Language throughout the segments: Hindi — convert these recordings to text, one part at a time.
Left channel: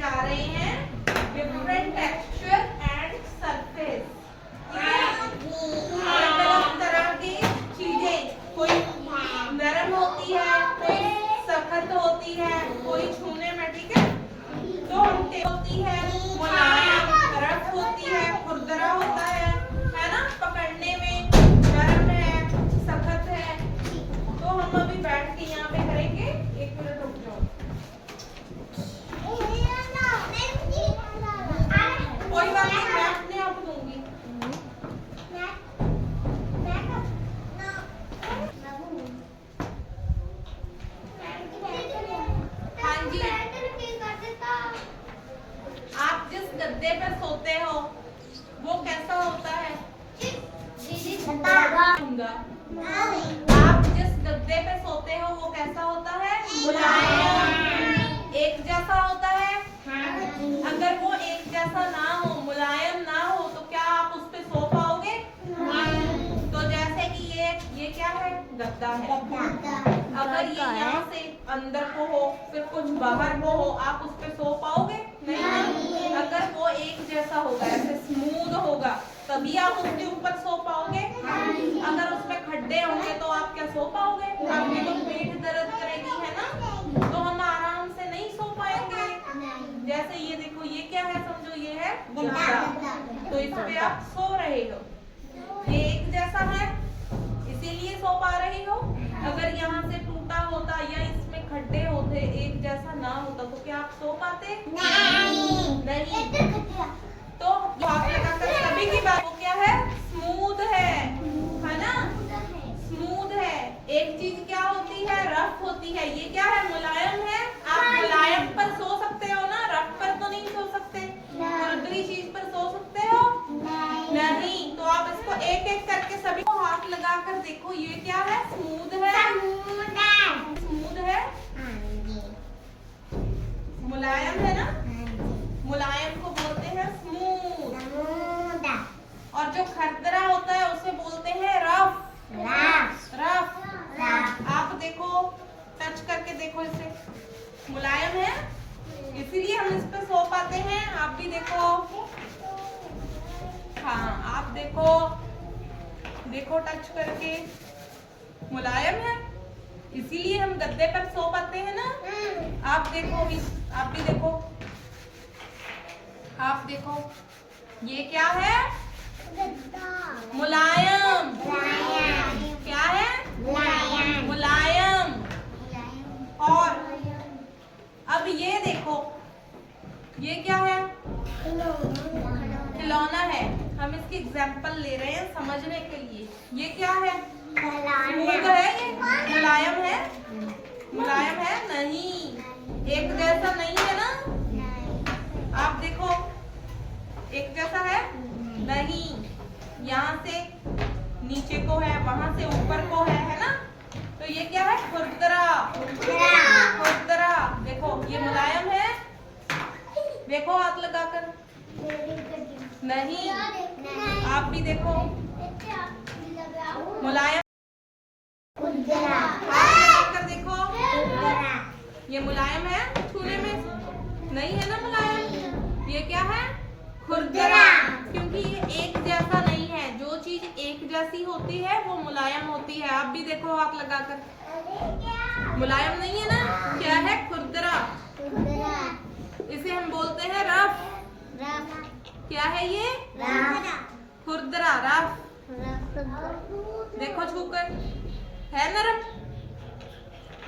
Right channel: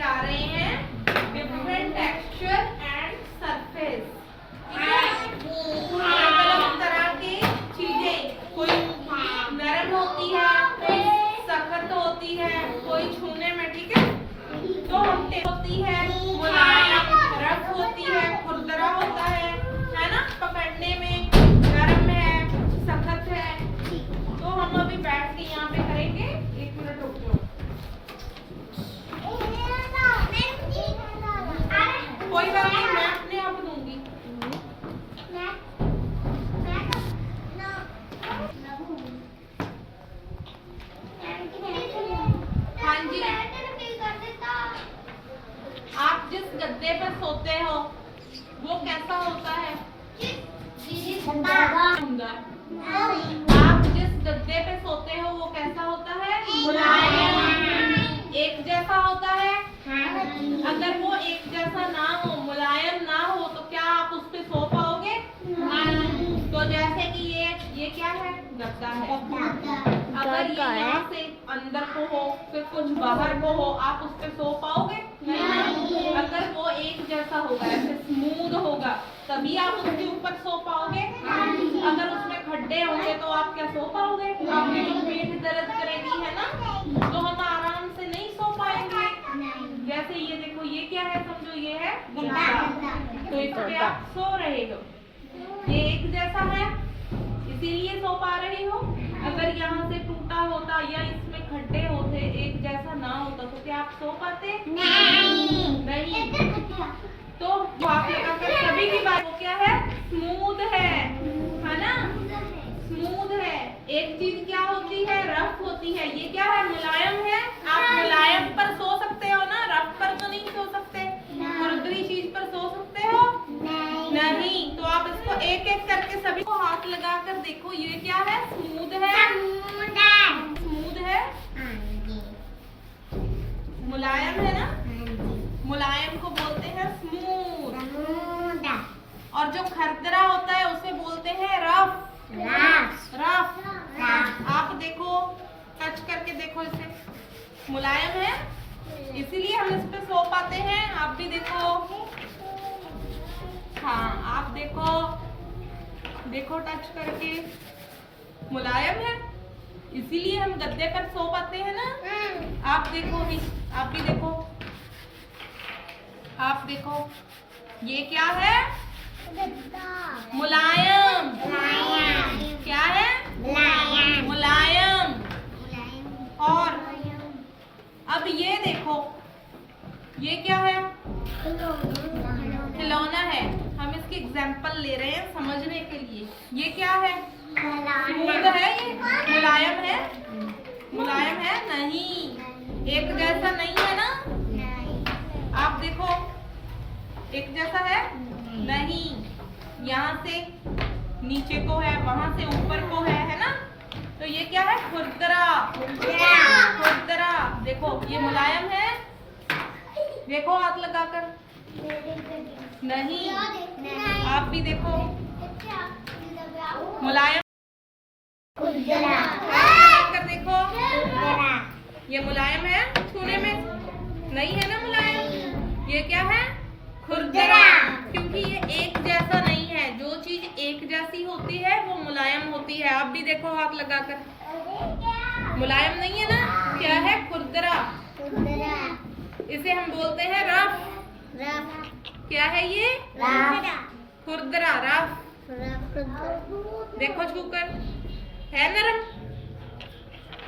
जा रहे हैं डिफरेंट टेक्सचर एंड सरफेस। अलग अलग तरह की चीजें, कोई नरम होती है, कोई सख्त होती है, कोई छूने में, ठीक है, तो होती है, मुलायम, रफ होती है, खुरदरा होता है ना, पकड़ने में नरम है, सख्त है। तो हम अभी बैठ के यहाँ पे करेंगे। 1 मिनट रुक जाओ। कोई बात नहीं, मैं अपने आप दूंगी। हाँ जी, आप जिस गद्दे पर सोते हो वो कैसा होता है? आप जिस गद्दे पे सोते हो वो कैसा होता है? मुलायम। एक जैसा होता है? अगर वो एक जैसा ना हो, मुलायम ना हो, तो क्या आप उस पे सो पाओगे? तो जैसे कि ये क्या है? गद्दा है। अगर ये यहाँ से अंदर को हो, फिर कुछ बाहर को हो, आप उस पे सो पाओगे? नहीं। अगर वो एक जैसा होगा, ऐसे स्मूथ होगा, तभी आप उसके ऊपर सो पाओगे। अगर उसमें खड्डे होंगे तो आप क्या सो पाओगे? आपकी तो पीठ दर्द करेगी, है ना, तो हम आराम से नहीं सो पाएंगे। जैसे ये देखो, ये क्या है? समझो ये है गद्दा, तो इस पे आप सो रहे हो, ये एक जैसा है इसीलिए सो पा रहे हो। अगर यहाँ से टूटा होता या इसमें खड्डे होते, एक जैसा ना होता, तो क्या आप सो पाते? नहीं। तो आप लगाकर सभी की बात, वो क्या है? स्मूथ है ना, स्मूथ है। एक चीज क्या होती है? रफ होती है। ये क्या है? मुलायम है। आप मुलायम पर सो सकते हो ना, रफ पर तो नहीं सो सकते। खुरदरी चीज पर सो सकते हो? नहीं। तो आप इसको एक एक करके सभी को हाथ लगाकर देखो, ये क्या है? स्मूथ है। स्मूथ है, मुलायम है ना, मुलायम को बोलते हैं स्मूथ। और जो खरदरा होता है उसे बोलते हैं रफ। रफ। आप देखो, टच करके देखो इसे, मुलायम है, इसीलिए हम इस पे सो पाते हैं। आप भी देखो, हाँ आप देखो, देखो टच करके, मुलायम है, इसीलिए हम गद्दे पर सो पाते हैं ना। आप देखो भी, आप भी देखो, आप देखो, ये क्या है? मुलायम। क्या है? मुलायम। और अब ये देखो, ये क्या है? खिलौना है। हम इसकी एग्जाम्पल ले रहे हैं समझने के लिए। ये क्या है? स्मूथ है, ये मुलायम है? मुलायम है नहीं, एक जैसा नहीं है ना। आप देखो, एक जैसा है नहीं, यहाँ से नीचे को है, वहां से ऊपर को है ना। तो ये क्या है? खुरदरा। खुरदरा। देखो ये मुलायम है, देखो हाथ लगाकर, नहीं। आप भी देखो, मुलायम कर देखो, ये मुलायम है, छूने में नहीं है ना मुलायम। ये क्या है? खुरदरा। क्योंकि ये एक जैसा नहीं है। जो चीज एक जैसी होती है वो मुलायम होती है। आप भी देखो हाथ लगाकर, मुलायम नहीं है ना, क्या है? खुरदरा। इसे हम बोलते हैं रफ। क्या है ये? खुरदरा, रफ। देखो छूकर, है नरम,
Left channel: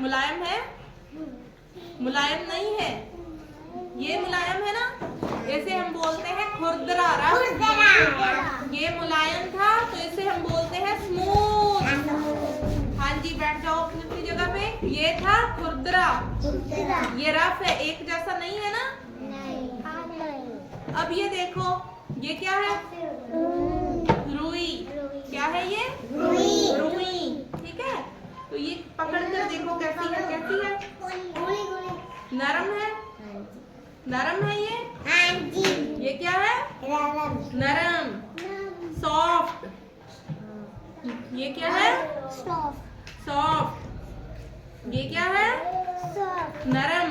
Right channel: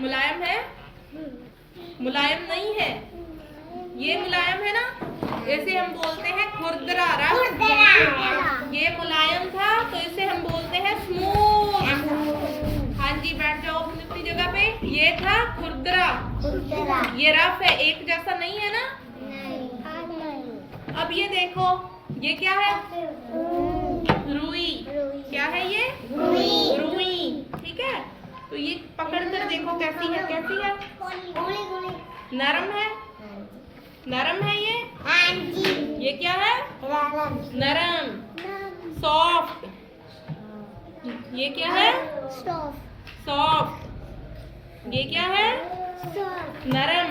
मुलायम है? मुलायम नहीं है, ये मुलायम है ना, इसे हम बोलते हैं खुरदरा, रफ। ये मुलायम था तो इसे हम बोलते हैं स्मूथ। हाँ जी, बैठ जाओ अपनी जगह पे। ये था खुरदरा, ये रफ है, एक जैसा नहीं है ना। अब ये देखो, ये क्या है? रुई। क्या है ये? रुई। ठीक है, तो ये पकड़ कर देखो कैसी है, कैसी है? नरम है, नरम है ये क्या है? नरम, सॉफ्ट। ये क्या है? सॉफ्ट। ये क्या है? नरम।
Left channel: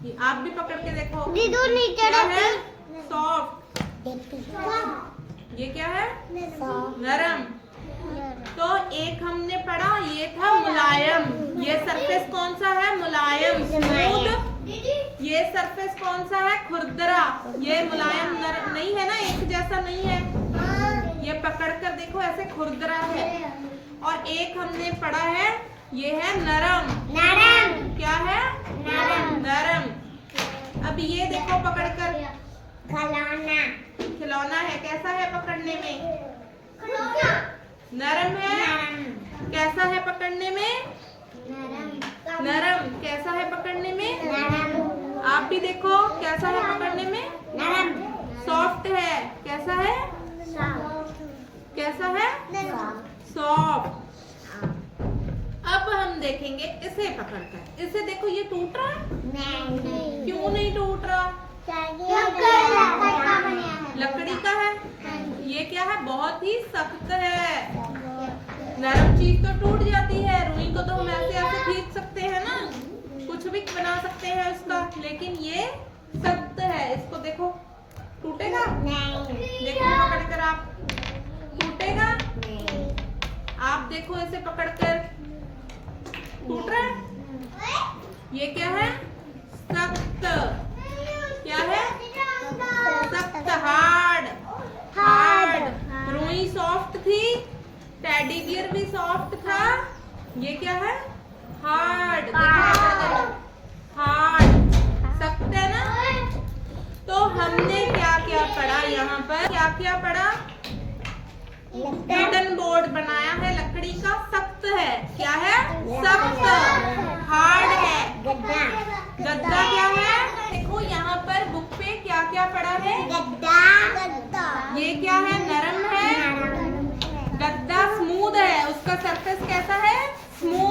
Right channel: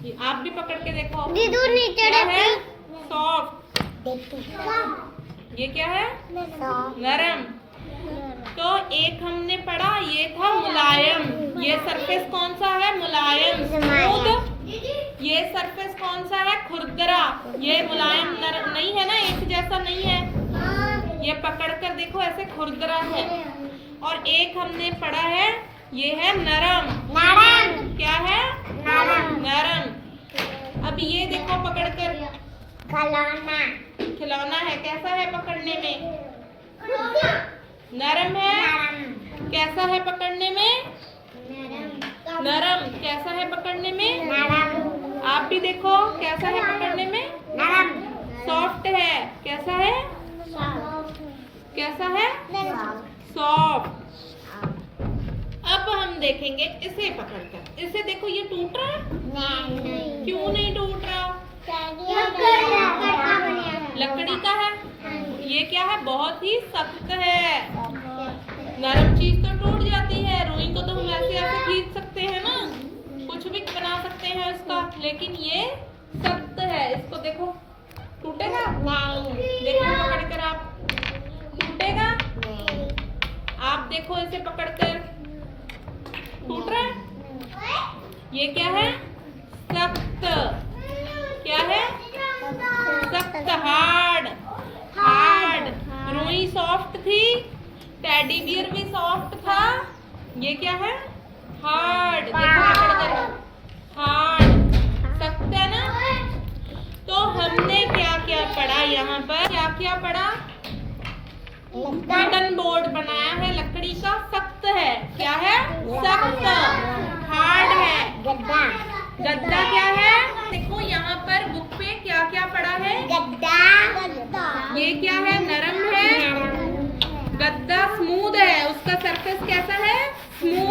आप भी पकड़ के देखो। दीदू नीचे क्या है? सॉफ्ट। ये क्या है? नरम। तो एक हमने पढ़ा ये था मुलायम। ये सरफेस कौन सा है? मुलायम स्मूथ। ये सरफेस कौन सा है? खुरदरा। ये मुलायम नरम नहीं है ना, एक जैसा नहीं है। ये पकड़ कर देखो ऐसे खुरदरा है। और एक हमने पढ़ा है ये है नरम। क्या है? नरम। अब ये देखो पकड़ कर खिलौना है। कैसा है पकड़ने में? नरम है। कैसा है पकड़ने में? नरम। कैसा है पकड़ने में? आप भी देखो कैसा है पकड़ने में? सॉफ्ट है। कैसा है? कैसा है? सॉफ्ट। अब हम देखेंगे इसे पकड़कर। इसे देखो ये टूट रहा है? क्यों नहीं टूट रहा? लकड़ी का है। ये क्या है? बहुत ही सख्त है। नरम चीज तो टूट जाती है। रुई को तो हम ऐसे ऐसे खींच सकते हैं ना, कुछ भी बना सकते हैं इसका, लेकिन ये सख्त है। इसको देखो टूटेगा? देखो पकड़कर आप, टूटेगा? आप देखो इसे पकड़कर, टूट रहा है? ये क्या है? सख्त। क्या है? सख्त, हार्ड। रुई सॉफ्ट थी, टेडी बियर भी सॉफ्ट था। ये क्या है? हार्ड। देखो हार्ड, सख्त है ना। तो हमने क्या क्या पढ़ा यहाँ पर? क्या क्या पढ़ा? कॉटन बोर्ड बनाया है लकड़ी का, सख्त है। क्या है? सख्त, हार्ड है। गद्दा क्या है? देखो यहाँ पर बुक पे क्या क्या पढ़ा है? ये क्या है? नरम है। गद्दा स्मूथ है। उसका सरफेस कैसा है? स्मूथ।